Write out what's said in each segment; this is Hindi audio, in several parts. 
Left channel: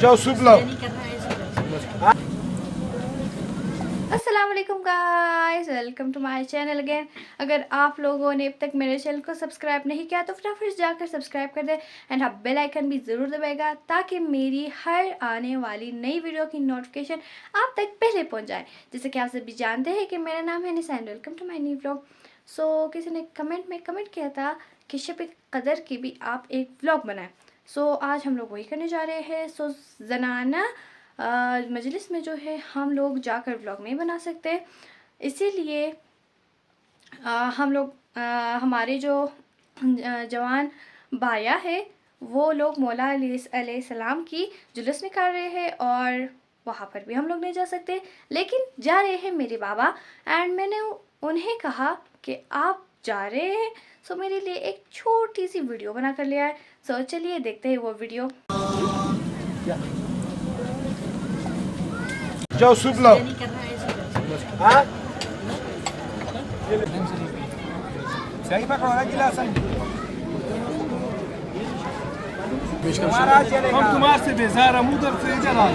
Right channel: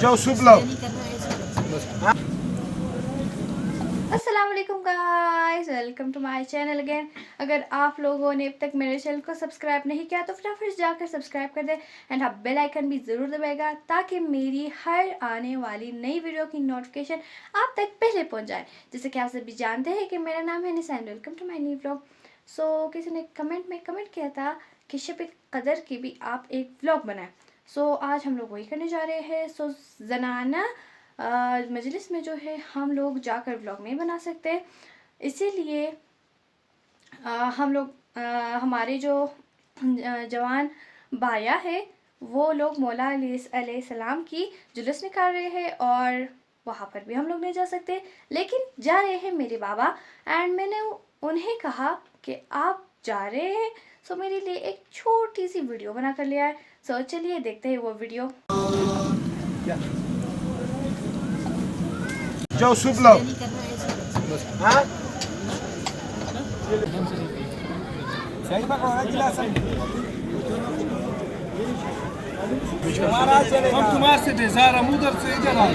जाओ सूप लाओ। अस्सलाम वालेकुम guys, welcome to my channel again. अगर आप लोगों ने अब तक मेरे चैनल को सब्सक्राइब नहीं किया तो फटाफट जाकर सब्सक्राइब कर दें एंड हाँ बेल आइकन भी ज़रूर दबाएगा ताकि मेरी हर आने वाली नई वीडियो की नोटिफिकेशन आप तक पहले पहुंच जाए। जैसे कि आप सभी जानते हैं कि मेरा नाम है Nisan. Welcome to my new vlog. So किसी ने कमेंट में कमेंट किया था कि शब कदर की भी आप एक व्लॉग बनाएं। सो आज हम लोग वही करने जा रहे हैं। सो ज़नाना मजलिस में जो है हम लोग जाकर व्लॉग नहीं बना सकते, इसीलिए हम लोग हमारे जो जवान बाया है वो लोग मौला अलैहिस्सलाम की जुलूस निकाल रहे हैं और वहाँ पर भी हम लोग नहीं जा सकते, लेकिन जा रहे हैं मेरे बाबा। एंड मैंने उन्हें कहा कि आप जा रहे हैं सो मेरे लिए एक छोटी सी वीडियो बना कर ले आए। सो चलिए देखते हैं वो वीडियो। जाओ सूप लाओ। हम तुम्हारे से बेजार हम उधर से इधर आए।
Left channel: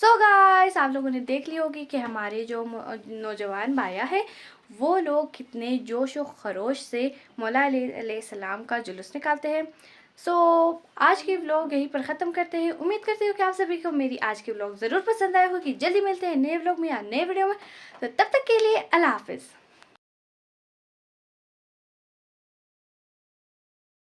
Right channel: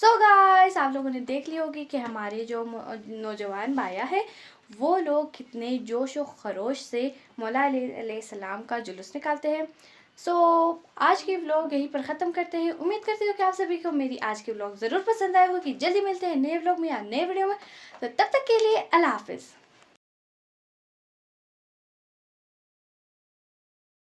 सो गाइस आप लोगों ने देख ली होगी कि हमारे जो नौजवान भाया है वो लोग कितने जोश और खरोश से मौला अलैहिस्सलाम का जुलूस निकालते हैं। सो आज की व्लॉग यहीं पर ख़त्म करते हैं। उम्मीद करती हूँ कि आप सभी को मेरी आज की व्लॉग ज़रूर पसंद आया होगी। जल्दी मिलते हैं नए व्लॉग में या नए वीडियो में, तो तब तक के लिए अल्लाह हाफिज़।